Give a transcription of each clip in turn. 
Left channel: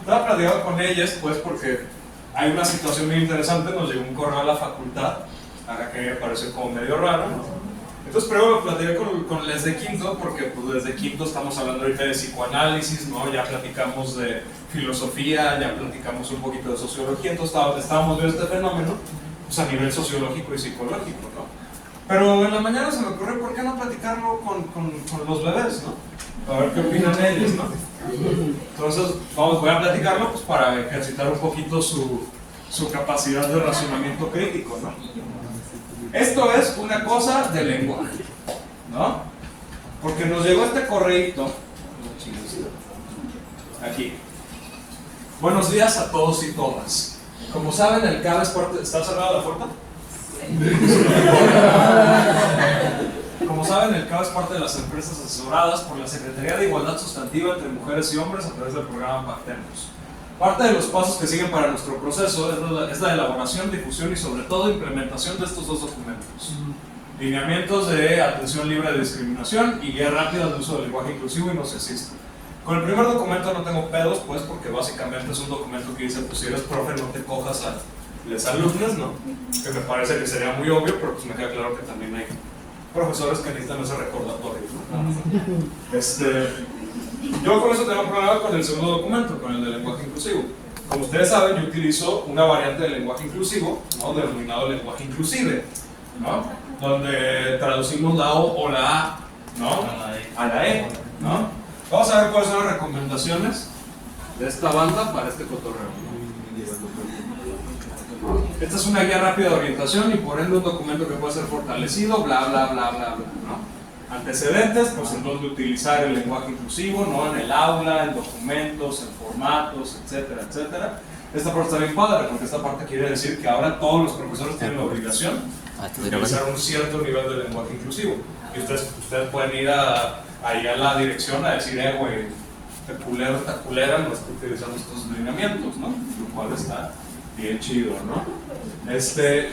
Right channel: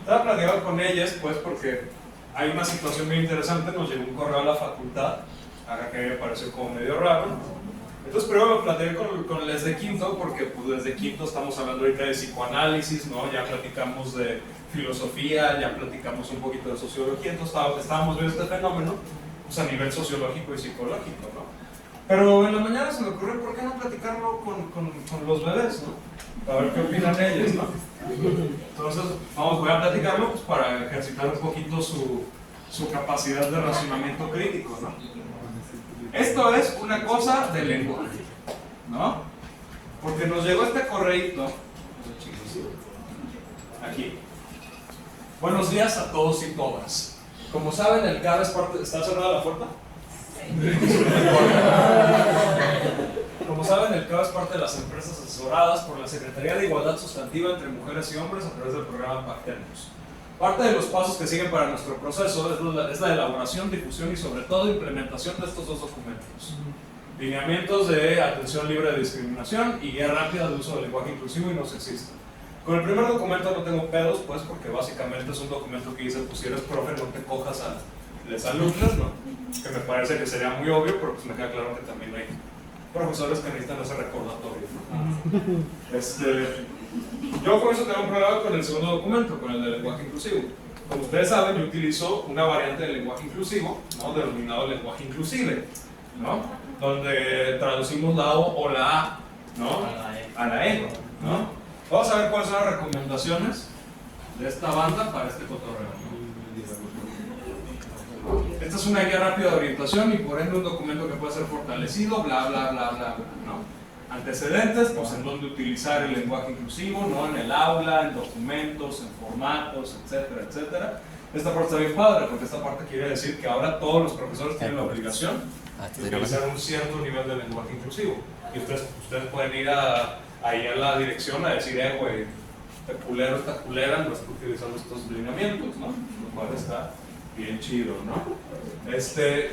Estaba platicando con ellas, pues, porque hay una situación muy interesante. Nos llegó un correo a la facultad, acá que me parece como medio raro, ¿no? Entonces primero lo platiqué con les de quinto, porque pues desde quinto estamos hablando ahorita de psicoanálisis, ¿no? Ya platicamos de filosofía, ya platicamos un poquito de sociología, entonces estábamos viendo este fenómeno pues, a nivel sociológico y psicológico, ¿no? Pero en la mañana se me ocurrió, ¿por qué no platicarlo con los bebés, ¿no? A ver qué opinan ellos, ¿no? Entonces voy a platicarlo pues, para ejercitar un poquito su capacidad de racionamiento crítico, ¿no? Esto es una cosa del lenguaje, ¿no? Porque nos llegó este correíto aquí. Buenos días a todos y todas. Como saben, el CAB es parte... ¿Está cerrada la puerta? Como saben, el CAB es parte de las empresas asesoradas por la Secretaría de Igualdad Sustantiva entre Mujeres y Hombres a través del programa Pactemos. Parte de los pasos que siguen para nuestro proceso es la elaboración, difusión y sobre todo implementación de estos dos documentos. Lineamientos de atención libre de discriminación y guía rápida de uso del lenguaje inclusivo y no sexista. Con el primer documento no tengo pedos, pues, porque básicamente es un documento que dice, pues si eres profe no te cojas a las alumnas, ¿no? Que me parece que sería muy obvio, pero pues me queda claro que también hay profesores que necesitan ese recordatorio, ¿no? Yo con eso tengo un problema con el segundo documento, con el de lenguaje inclusivo. Como ustedes saben, yo utilizo una variante del lenguaje inclusivo, ¿no? Denominado lenguaje inclusive, ¿no? Donde traducimos la O o la A, ¿no? A la E, ¿no? Vamos a ver cuáles son las recomendaciones de esta banda para este cotorreo. Esta es una guía rápida de orientación y por ende un documento que puede ser fortalecido, bla, bla, bla, bla, bla, ¿no? Antecedentes, pues en dónde utilizar el lenguaje inclusivo, ¿no? En el aula, en documentos, en formatos, etcétera, etcétera. Esta parte está bien padre, porque esta parte quiere decir que ahora todos los profesores tienen la obligación de utilizar un cierto nivel de lenguaje inclusivo. Y ustedes pueden ir ahí a la dirección a decir, güey, te culera, no estás utilizando estos lineamientos, ¿no? Lo cual está bien chido, ¿no?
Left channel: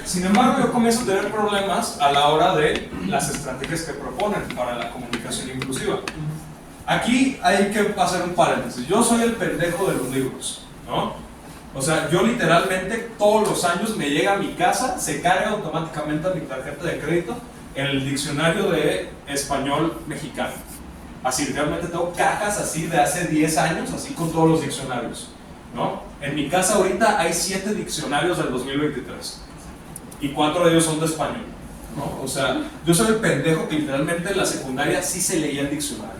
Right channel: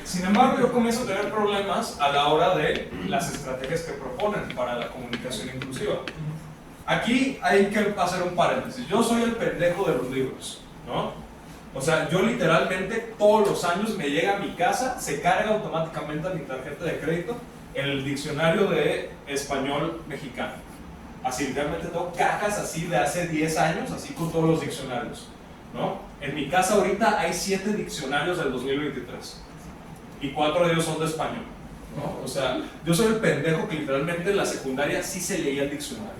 Sin embargo, yo comienzo a tener problemas a la hora de las estrategias que proponen para la comunicación inclusiva. Aquí hay que hacer un paréntesis. Yo soy el pendejo de los libros, ¿no? O sea, yo literalmente todos los años me llega a mi casa, se carga automáticamente a mi tarjeta de crédito el diccionario de español mexicano. Así, realmente tengo cajas así de hace 10 años, así con todos los diccionarios, ¿no? En mi casa ahorita hay 7 diccionarios del 2023 y 4 de ellos son de español, ¿no? O sea, yo soy el pendejo que literalmente en la secundaria sí se leía el diccionario.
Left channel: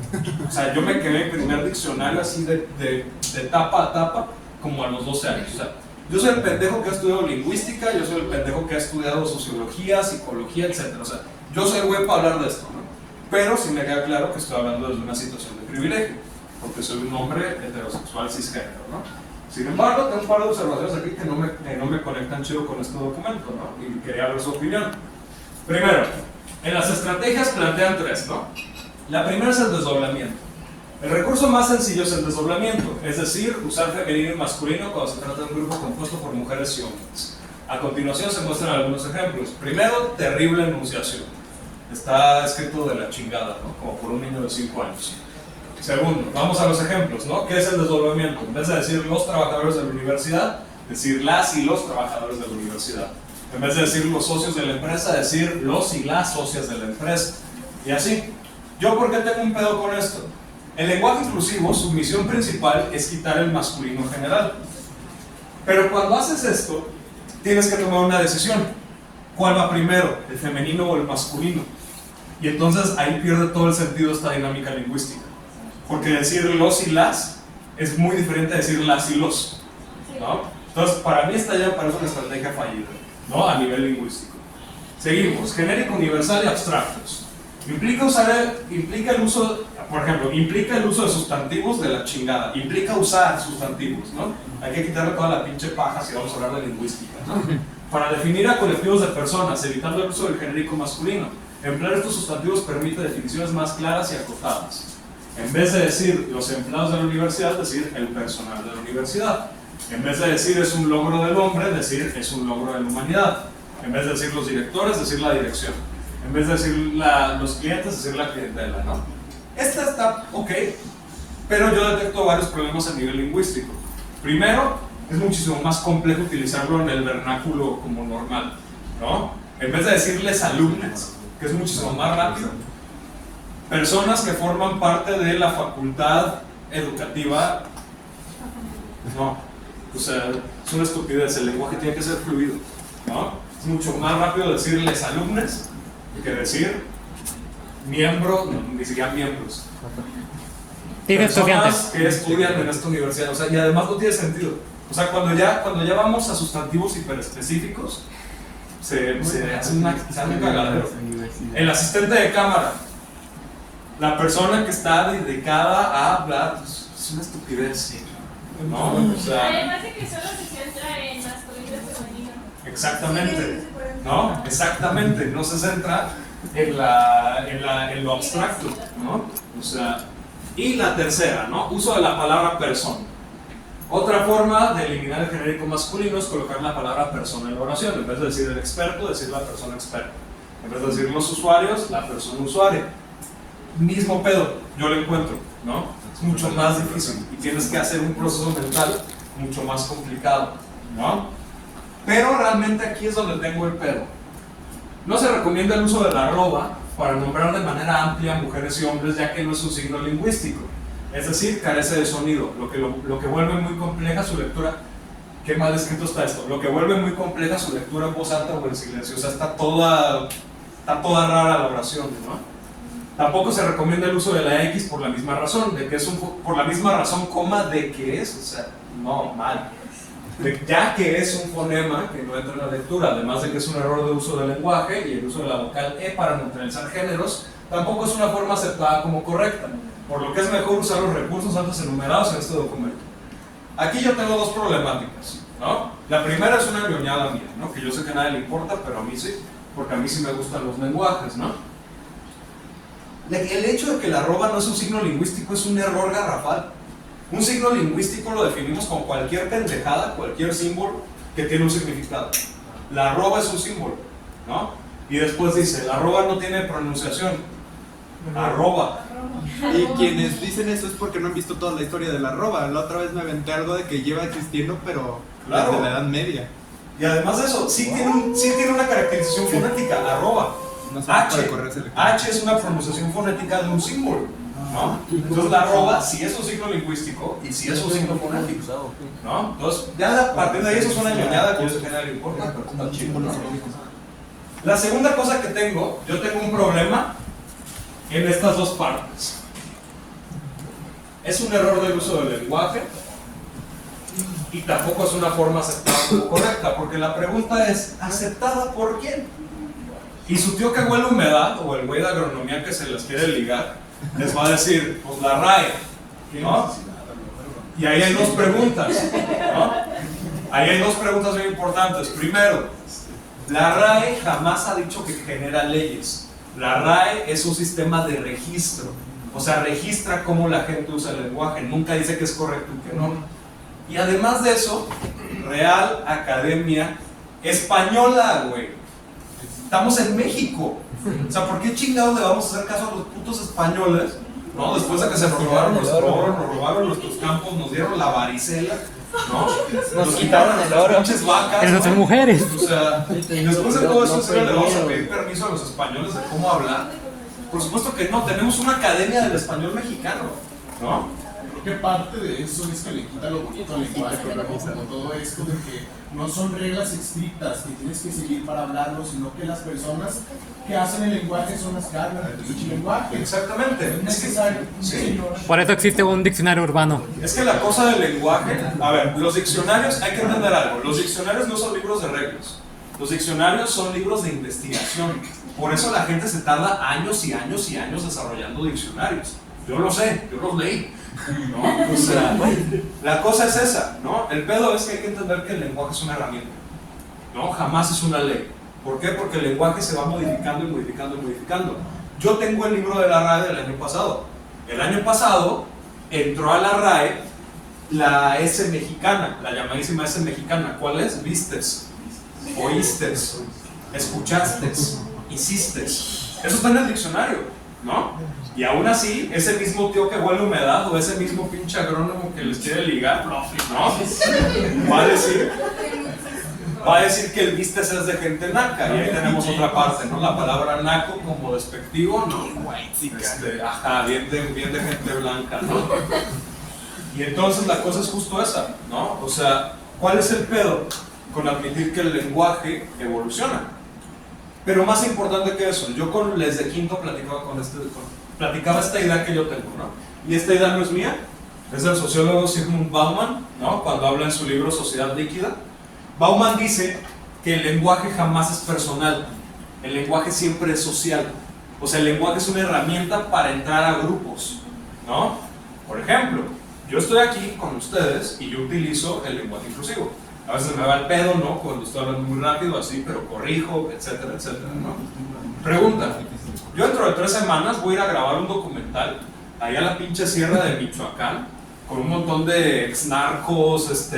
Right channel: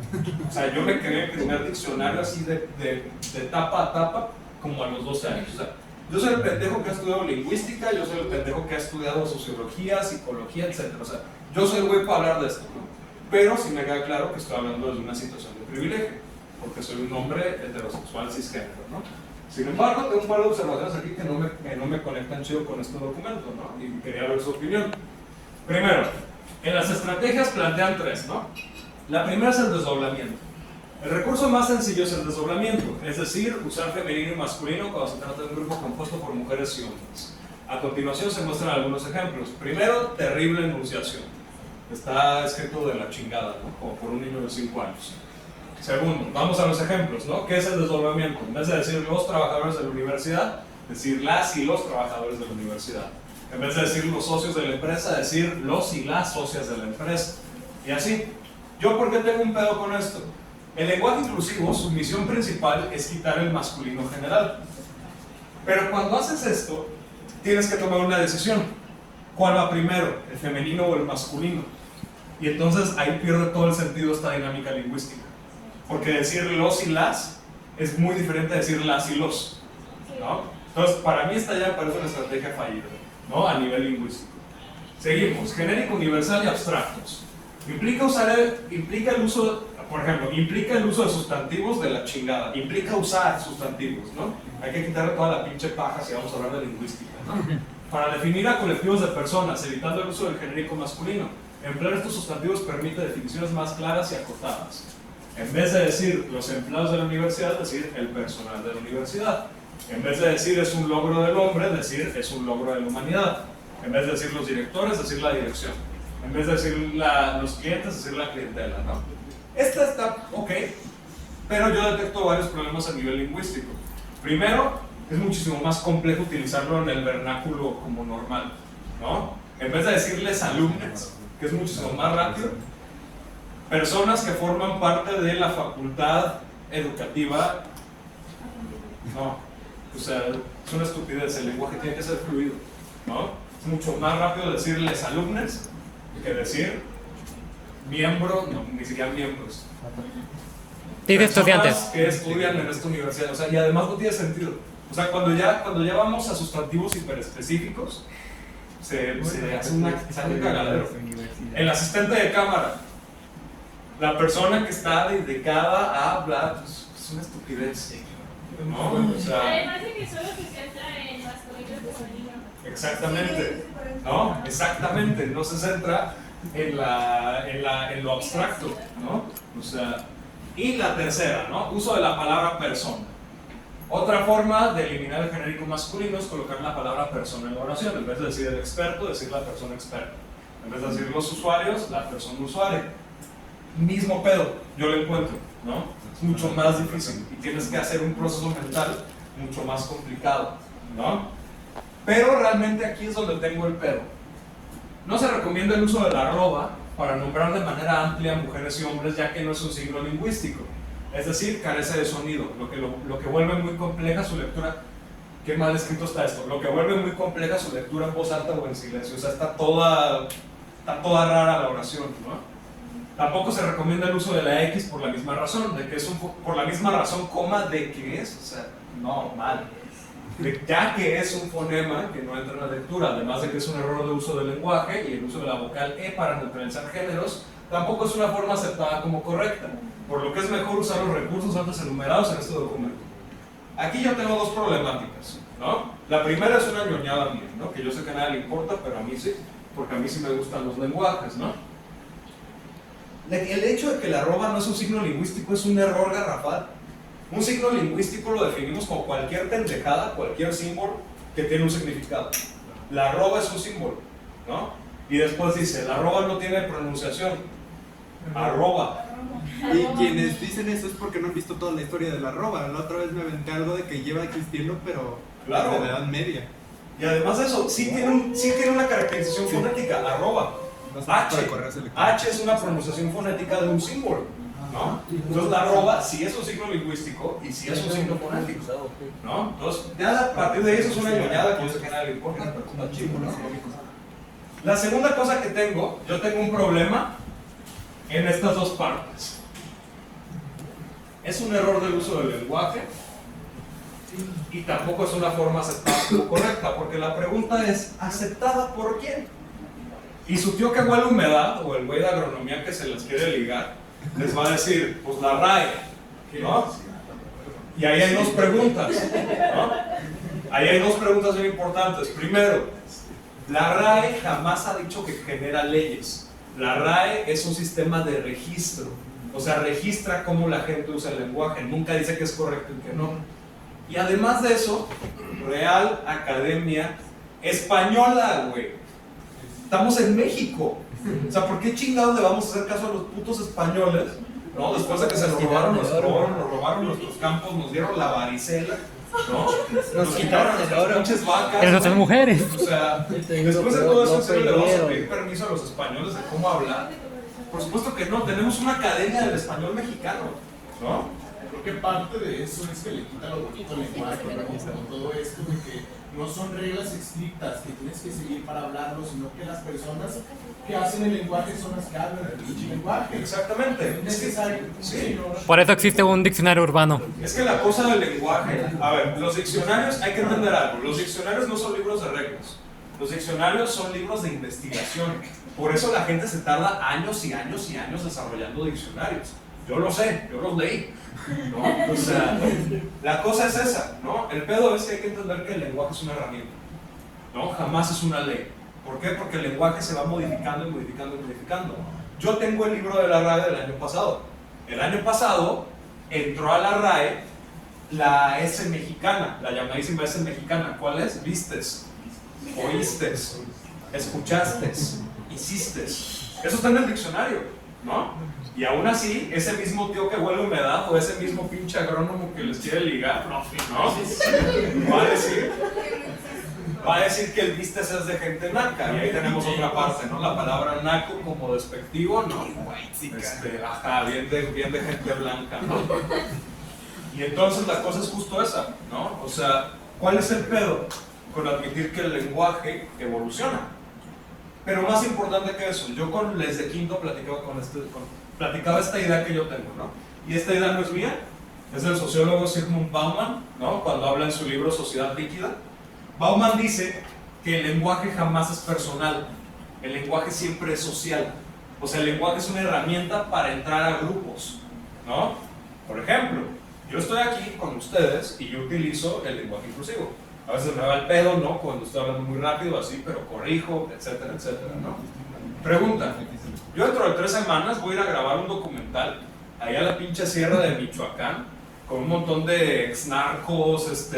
O sea, yo me quedé en el primer diccionario así de tapa a tapa como a los 12 años. O sea, yo soy el pendejo que ha estudiado lingüística, yo soy el pendejo que ha estudiado sociología, psicología, etc. O sea, yo soy el güey para hablar de esto, ¿no? Pero sí me queda claro que estoy hablando desde una situación de privilegio, porque soy un hombre heterosexual cisgénero, ¿no? Sin embargo, tengo un par de observaciones aquí que no me conectan chido con este documento, ¿no? Y quería ver su opinión. Primero, en las estrategias plantean 3, ¿no? La primera es el desdoblamiento. El recurso más sencillo es el desdoblamiento, es decir, usar femenino y masculino cuando se trata de un grupo compuesto por mujeres y hombres. A continuación se muestran algunos ejemplos. Primero, terrible enunciación. Está escrito de la chingada, ¿no? Como por un niño de 5 años. Segundo, vamos a los ejemplos, ¿no? ¿Qué es el desdoblamiento? En vez de decir los trabajadores de la universidad, decir las y los trabajadores de la universidad. En vez de decir los socios de la empresa, decir los y las socias de la empresa. Y así. ¿Yo por qué tengo un pedo con esto? El lenguaje inclusivo, su misión principal es quitar el masculino general. Pero cuando haces esto, tienes que tomar una decisión. ¿Cuál va primero? ¿El femenino o el masculino? Y entonces ahí pierde todo el sentido esta dinámica lingüística. Porque decir los y las es muy diferente de decir las y los, ¿no? Entonces, para mí esta ya parece una estrategia fallida, ¿no? A nivel lingüístico. Seguimos, genérico, universal y abstractos. Implica el uso, por ejemplo, implica el uso de sustantivos de la chingada, implica usar sustantivos, ¿no? Hay que quitarle toda la pinche paja si vamos a hablar de lingüística, ¿no? Para definir a colectivos de personas, evitando el uso del genérico masculino. Emplear estos sustantivos permite definiciones más claras y acotadas. En vez de decir los empleados de la universidad, decir el personal de la universidad. En vez de decir es un logro del hombre, decir es un logro de la humanidad. En vez de decir los directores, decir la dirección. En vez de decir los clientes, decir la clientela, ¿no? Esta está ok, pero yo detecto varios problemas a nivel lingüístico. Primero, es muchísimo más complejo utilizarlo en el vernáculo como normal, ¿no? En vez de decirles alumnos, que es muchísimo más rápido, personas que forman parte de la facultad educativa, no, o sea, es una estupidez, el lenguaje tiene que ser fluido, ¿no? Es mucho más rápido decirles alumnos que decir miembros, no, ni siquiera miembros. Personas que estudian en esta universidad, o sea, y además no tiene sentido. O sea, cuando ya vamos a sustantivos hiperespecíficos, se hace un cagadero. El asistente de cámara, la persona que está dedicada a hablar, pues, es una estupidez, ¿no? O sea, además de que solo se centra en masculino y femenino. Exactamente, ¿no? Exactamente, no se centra en lo abstracto, ¿no? O sea, y la tercera, ¿no? Uso de la palabra persona. Otra forma de eliminar el genérico masculino es colocar la palabra persona en la oración. En vez de decir el experto, decir la persona experta. En vez de decir los usuarios, la persona usuaria. Mismo pedo, yo lo encuentro, ¿no? Es mucho más difícil y tienes que hacer un proceso mental mucho más complicado, ¿no? Pero realmente aquí es donde tengo el pedo. No se recomienda el uso de la arroba para nombrar de manera amplia a mujeres y hombres, ya que no es un signo lingüístico. Es decir, carece de sonido, lo que vuelve muy compleja su lectura. Qué mal escrito está esto. Lo que vuelve muy compleja su lectura en voz alta o en silencio. O sea, está toda rara la oración, ¿no? Tampoco se recomienda el uso de la X por la misma razón, por la misma razón, coma, de que es, o sea, no, mal. Ya que es un fonema que no entra en la lectura, además de que es un error de uso del lenguaje y el uso de la vocal E para neutralizar géneros, tampoco es una forma aceptada como correcta, por lo que es mejor usar los recursos antes enumerados en este documento. Aquí yo tengo dos problemáticas, ¿no? La primera es una ñoñada mía, ¿no? Que yo sé que a nadie le importa, pero a mí sí, porque a mí sí me gustan los lenguajes, ¿no? El hecho de que la arroba no es un signo lingüístico es un error garrafal. Un signo lingüístico lo definimos como cualquier pendejada, cualquier símbolo que tiene un significado. La arroba es un símbolo, ¿no? Y después dice, la arroba no tiene pronunciación. Arroba. Y quienes dicen eso es porque no han visto toda la historia de la arroba. La otra vez me aventé algo de que lleva existiendo, pero claro, desde la Edad Media. Y además de eso, sí tiene una caracterización fonética, arroba. No sé H es una pronunciación fonética de un símbolo, ¿no? Entonces la arroba sí es un signo lingüístico y sí es un signo fonético, ¿no? Entonces ya a partir de ahí eso es una ñoñada que no sé qué nadie le importa, pero está chido, ¿no? La segunda cosa que tengo, yo tengo un problema en estas dos partes. Es un error del uso del lenguaje y tampoco es una forma aceptada como correcta, porque la pregunta es, ¿aceptada por quién? Y su tío que huele humedad, o el güey de agronomía que se las quiere ligar, les va a decir, pues la RAE, ¿no? Y ahí hay dos preguntas, ¿no? Ahí hay dos preguntas muy importantes. Primero, la RAE jamás ha dicho que genera leyes. La RAE es un sistema de registro, o sea, registra cómo la gente usa el lenguaje, nunca dice que es correcto y que no. Y además de eso, Real Academia Española, güey. Estamos en México. O sea, ¿por qué chingados le vamos a hacer caso a los putos españoles? ¿No? Después de que se nos robaron nuestro oro, nos robaron nuestros campos, nos dieron la varicela, ¿no? Nos quitaron el las oro. pinches vacas. Pero son mujeres. O sea, después de todo eso, ¿en serio le vamos a pedir permiso a los españoles de cómo hablar? Por supuesto que no, tenemos una academia del español mexicano, ¿no? Creo que parte de eso es que le quita lo bonito al lenguaje, como todo esto de que no son reglas estrictas que tienes que seguir para hablarlo, sino que las personas que hacen el lenguaje son las que hablan el pinche lenguaje. Exactamente. Es necesario. Sí. Por eso existe un diccionario urbano. Es que la cosa del lenguaje, a ver, los diccionarios, hay que entender algo, los diccionarios no son libros de reglas, los diccionarios son libros de investigación, por eso la gente se tarda años y años y años desarrollando diccionarios. Yo lo sé, yo los leí, ¿no? O sea, la cosa es esa, ¿no? El pedo es que hay que entender que el lenguaje es una herramienta, ¿no? Jamás es una ley. ¿Por qué? Porque el lenguaje se va modificando y modificando y modificando. Yo tengo el libro de la RAE del año pasado. El año pasado entró a la RAE la S mexicana, la llamadísima S mexicana. ¿Cuál es? Vistes, oístes, escuchastes, hiciste. Eso está en el diccionario, ¿no? Y aún así, ese mismo tío que huele a humedad o ese mismo pinche agrónomo que les quiere ligar, ¿no? Va a decir que el vistes es de gente naca. Y ahí tenemos otra parte, ¿no? La palabra naco como despectivo, ¿no? Ajá, bien de gente blanca, ¿no? Y entonces la cosa es justo esa, ¿no? O sea, ¿cuál es el pedo con admitir que el lenguaje evoluciona? Pero más importante que eso, yo con Les de Quinto platicaba esta idea que yo tengo, ¿no? Y esta idea no es mía, es del sociólogo Zygmunt Bauman, ¿no? Cuando habla en su libro Sociedad Líquida. Bauman dice que el lenguaje jamás es personal, el lenguaje siempre es social. O sea, el lenguaje es una herramienta para entrar a grupos, ¿no? Por ejemplo, yo estoy aquí con ustedes y yo utilizo el lenguaje inclusivo. A veces me va el pedo, ¿no? Cuando estoy hablando muy rápido, así, pero corrijo, etcétera, etcétera, ¿no? Pregunta, yo dentro de 3 semanas voy a ir a grabar un documental allá a la pinche sierra de Michoacán con un montón de exnarcos,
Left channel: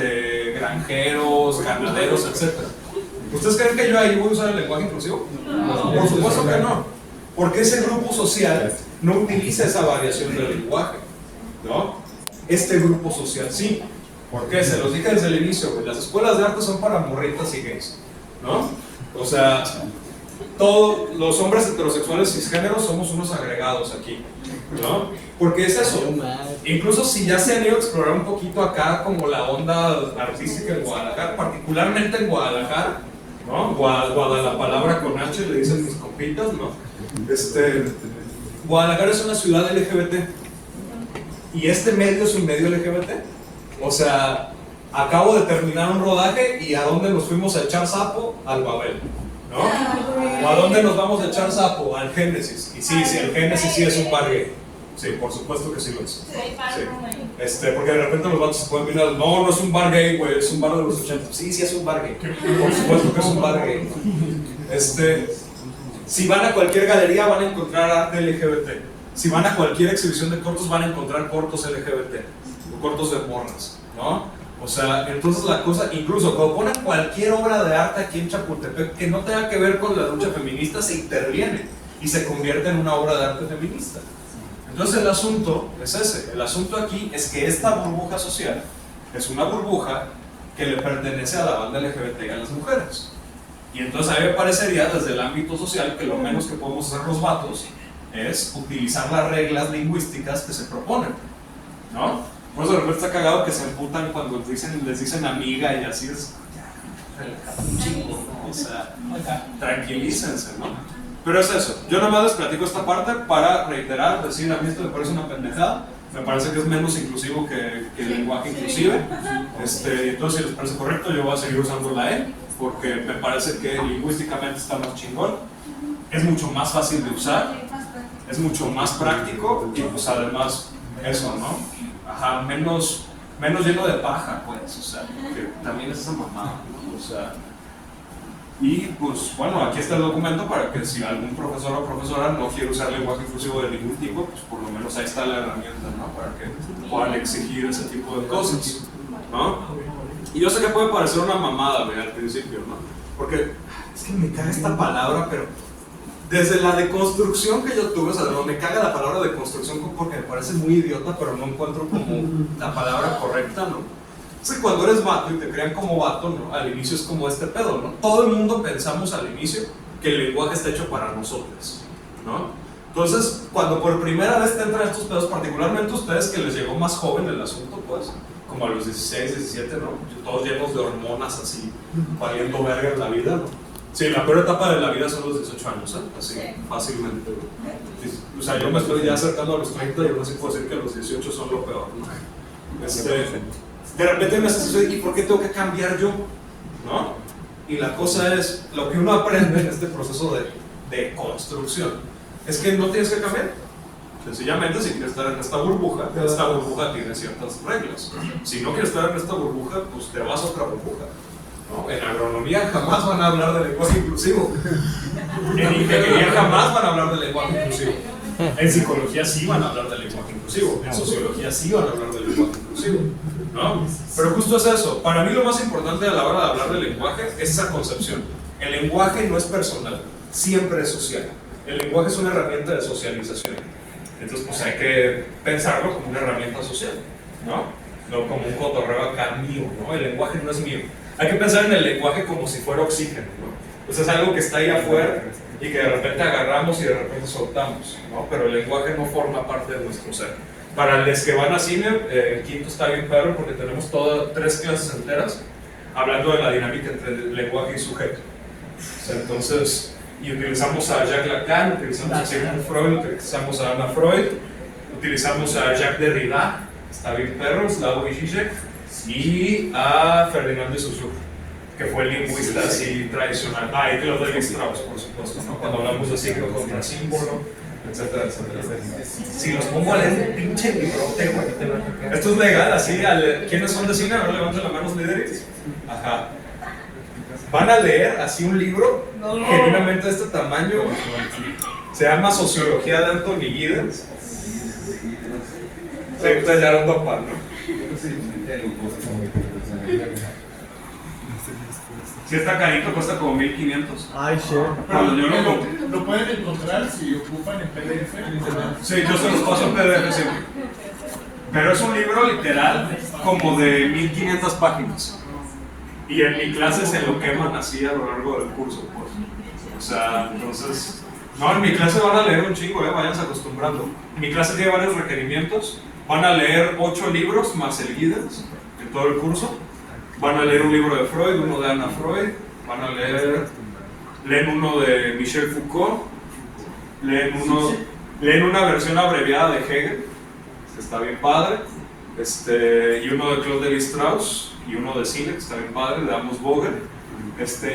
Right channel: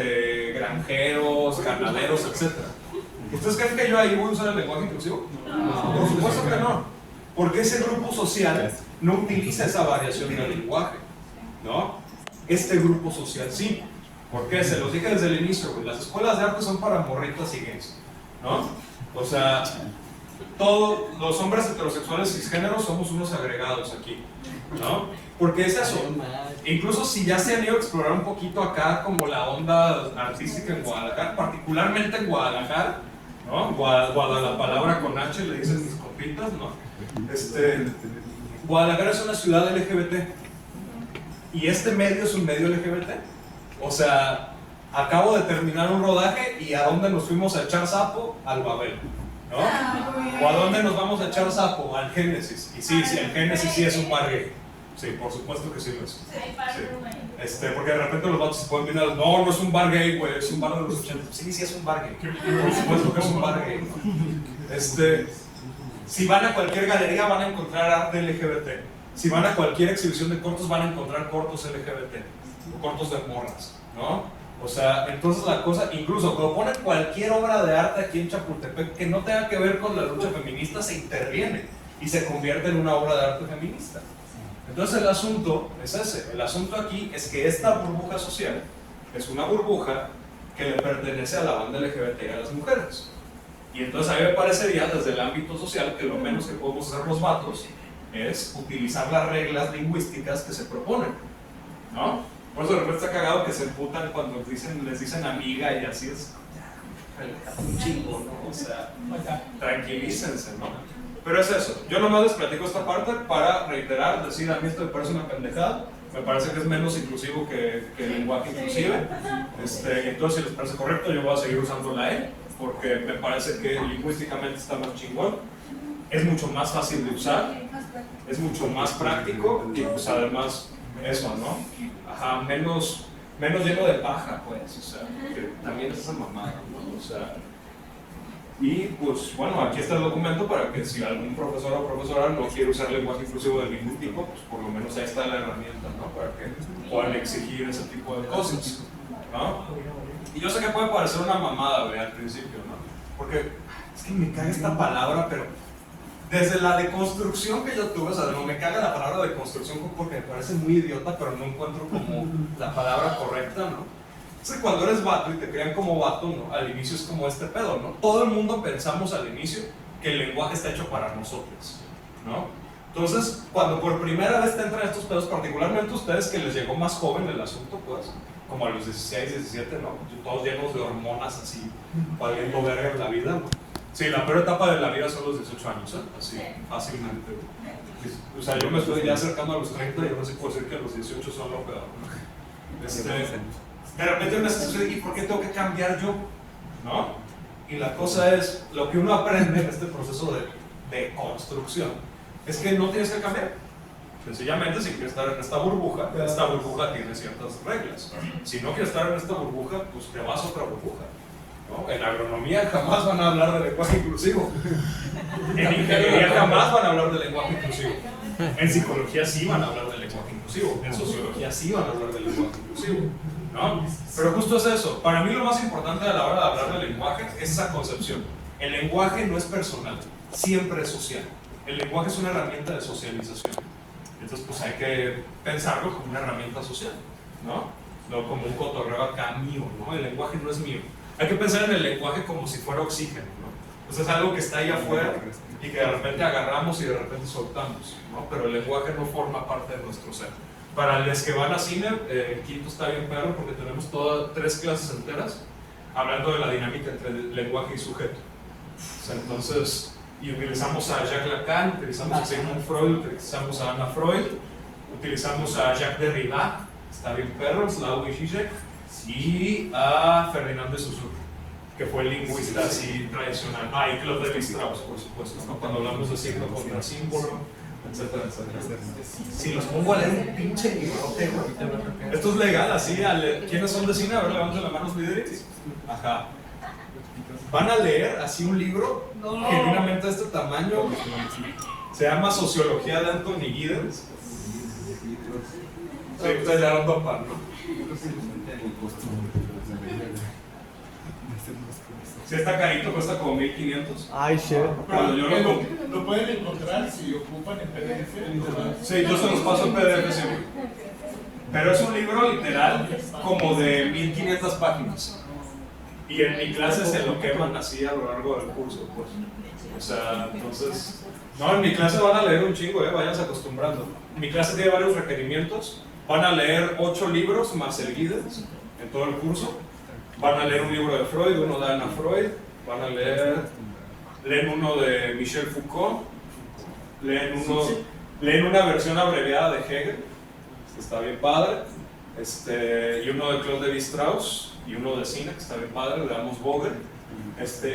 granjeros, ganaderos, etcétera. ¿Ustedes creen que yo ahí voy a usar el lenguaje inclusivo? No. Por supuesto que no, porque ese grupo social no utiliza esa variación del lenguaje, ¿no? Este grupo social sí. ¿Por qué? Se los dije desde el inicio, güey. Las escuelas de arte son para morritas y gays, ¿no? O sea, todos los hombres heterosexuales cisgéneros somos unos agregados aquí, ¿no? Porque es eso. Incluso si ya se han ido a explorar un poquito acá como la onda artística en Guadalajara, particularmente en Guadalajara, ¿no? La palabra con H le dicen mis compitas, ¿no? Guadalajara es una ciudad LGBT y este medio es un medio LGBT. O sea, acabo de terminar un rodaje y ¿a dónde nos fuimos a echar sapo? Al Babel, ¿no? ¿O a dónde nos vamos a echar sapo? Al Génesis. Y sí, el Génesis sí es un bar gay. Sí, por supuesto que sí lo es. Sí. Porque de repente los vatos se pueden venir a no es un bar gay, güey, es un bar de los 80. Sí, es un bar gay. Por supuesto que es un bar gay. Si van a cualquier galería van a encontrar arte LGBT. Si van a cualquier exhibición de cortos van a encontrar cortos LGBT. Cortos de morras, ¿no? O sea, entonces la cosa, incluso cuando ponen cualquier obra de arte aquí en Chapultepec que no tenga que ver con la lucha feminista, se interviene y se convierte en una obra de arte feminista. Entonces el asunto es ese, el asunto aquí es que esta burbuja social es una burbuja que le pertenece a la banda LGBT y a las mujeres. Y entonces a mí me parecería desde el ámbito social que lo menos que podemos hacer los vatos es utilizar las reglas lingüísticas que se proponen, ¿no? Por eso de repente está cagado que se emputan cuando les dicen amiga y así es. Relájate un chingo, ¿no? O sea, tranquilícense, ¿no? Pero es eso. Yo nada más les platico esta parte para reiterar, decir, a mí esto me parece una pendejada. Me parece que es menos inclusivo que el lenguaje inclusive. Entonces, si les parece correcto, yo voy a seguir usando la E, porque me parece que lingüísticamente está más chingón. Es mucho más fácil de usar, es mucho más práctico y pues además eso, ¿no? Ajá, menos lleno de paja, pues, o sea, que también es esa mamada, ¿no? O sea, y pues bueno, aquí está el documento para que si algún profesor o profesora no quiere usar lenguaje inclusivo de ningún tipo, pues por lo menos ahí está la herramienta, ¿no? Para que puedan exigir ese tipo de cosas, ¿no? Y yo sé que puede parecer una mamada, güey, al principio, ¿no? Porque es que me caga esta palabra, pero desde la deconstrucción que yo tuve, o sea, me caga la palabra deconstrucción porque me parece muy idiota, pero no encuentro como la palabra correcta, ¿no? Es que cuando eres vato y te crean como vato, ¿no? Al inicio es como este pedo, ¿no? Todo el mundo pensamos al inicio que el lenguaje está hecho para nosotros, ¿no? Entonces, cuando por primera vez te entran estos pedos, particularmente ustedes que les llegó más joven el asunto, pues, como a los 16, 17, ¿no? Todos llenos de hormonas así, valiendo verga en la vida, ¿no? Sí, la peor etapa de la vida son los 18 años, ¿eh? Así, fácilmente. O sea, yo me estoy ya acercando a los 30 y aún así puedo decir que los 18 son lo peor, ¿no? De repente me hace suceder, ¿y por qué tengo que cambiar yo? ¿No? Y la cosa es, lo que uno aprende en este proceso de construcción es que no tienes que cambiar. Sencillamente, si quieres estar en esta burbuja tiene ciertas reglas. Si no quieres estar en esta burbuja, pues te vas a otra burbuja, ¿no? En agronomía jamás van a hablar de lenguaje inclusivo. En ingeniería jamás van a hablar de lenguaje inclusivo. En psicología sí van a hablar de lenguaje inclusivo. En sociología sí van a hablar de lenguaje inclusivo, ¿no? Pero justo es eso. Para mí lo más importante a la hora de hablar de lenguaje es esa concepción. El lenguaje no es personal, siempre es social. El lenguaje es una herramienta de socialización. Entonces, pues hay que pensarlo como una herramienta social, ¿no? No como un cotorreo acá mío, ¿no? El lenguaje no es mío. Hay que pensar en el lenguaje como si fuera oxígeno, ¿no? Entonces es algo que está ahí afuera y que de repente agarramos y de repente soltamos, ¿no? Pero el lenguaje no forma parte de nuestro ser. Para los que van a cine, el quinto está bien perro porque tenemos todas 3 clases enteras hablando de la dinámica entre lenguaje y sujeto. O sea, entonces, y utilizamos a Jacques Lacan, utilizamos a Sigmund Freud, utilizamos a Anna Freud, utilizamos a Jacques Derrida, está bien perro, Slavoj Žižek, y a Ferdinand de Saussure, que fue el lingüista así tradicional. Ah, y Claude Lévi-Strauss, por supuesto, ¿no? Cuando hablamos de signo contra símbolo, etcétera, etcétera. Si los pongo a leer un pinche librote, güey. Esto es legal, así, ¿quiénes son de cine? A ver, levanten la mano los líderes. Ajá. Van a leer así un libro genuinamente de este tamaño. Se llama Sociología de Anthony Giddens. Se tallaron papá, ¿no? Si está carito, cuesta como 1500. Ay, shit. Cuando yo lo compré. Lo pueden encontrar si ocupan en PDF en internet. Sí, yo se los paso en PDF, sí. Pero es un libro literal como de 1500 páginas. Y en mi clase se lo queman así a lo largo del curso, pues. O sea, entonces... No, en mi clase van a leer un chingo, váyanse acostumbrando. Mi clase tiene varios requerimientos. Van a leer 8 libros más el Giddens en todo el curso. Van a leer un libro de Freud, uno de Anna Freud. Van a leen uno de Michel Foucault. Leen una versión abreviada de Hegel, que está bien padre. Y uno de Claude Lévi-Strauss. Y uno de Silex, está bien padre, de Amos Vogel.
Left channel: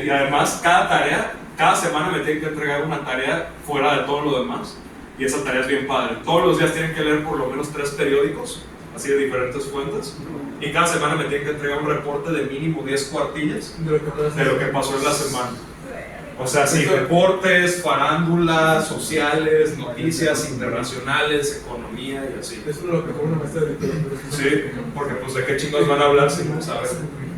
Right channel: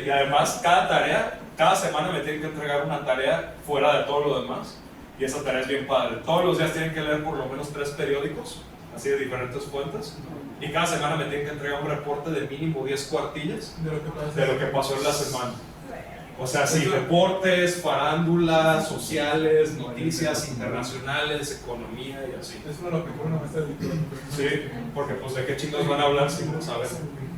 Y además, cada semana me tienen que entregar una tarea fuera de todo lo demás. Y esa tarea es bien padre. Todos los días tienen que leer por lo menos 3 periódicos, así de diferentes fuentes. Y cada semana me tienen que entregar un reporte de mínimo 10 cuartillas de lo que pasó en la semana. O sea, sí, reportes, farándulas, sociales, noticias internacionales, economía y así. Eso es lo que fue una maestra de literatura. Sí, porque pues de qué chingos van a hablar si no saben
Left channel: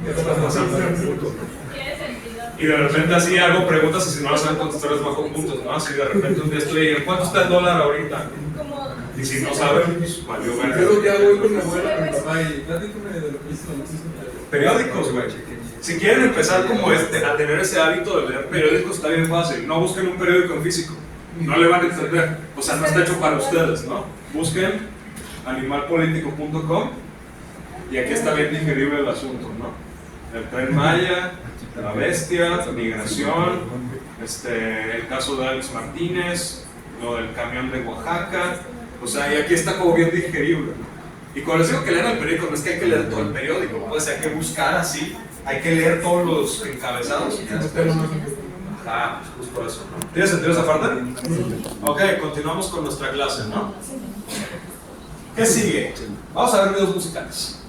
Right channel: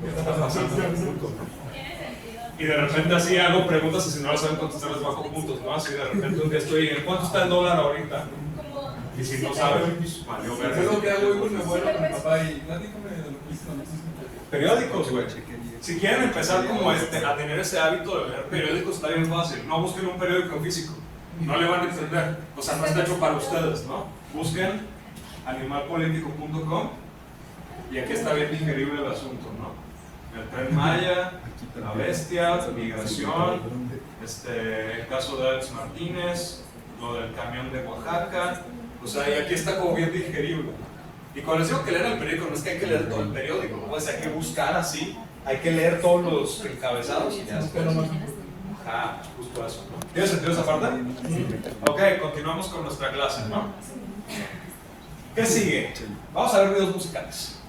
qué está pasando en el mundo. Tiene sentido. Y de repente así hago preguntas y si no las saben contestar les bajo puntos, ¿no? Así de repente un día estoy en ¿cuánto está el dólar ahorita? Como Y si no saben, pues valió Yo es lo que hago verga. hoy con mi abuela, con mi papá, y platícame de lo que hizo cuando hiciste. Periódicos, güey. Si quieren empezar como a tener ese hábito de leer periódicos, está bien fácil. No busquen un periódico en físico. No le van a entender. O sea, no está hecho para ustedes, ¿no? Busquen animalpolitico.com y aquí está bien digerible el asunto, ¿no? El Tren Maya, la bestia, migración, el caso de Alex Martínez, lo del camión de Oaxaca. O sea, y aquí está como bien digerible, ¿no? Y cuando les digo que lean el periódico, no es que hay que leer todo el periódico, ¿no? O sea, hay que buscar así, hay que leer todos los encabezados. Ajá, justo eso, ¿no? ¿Tiene sentido esa parte? Ok, continuamos con nuestra clase, ¿no? ¿Qué sigue? Vamos a ver videos musicales.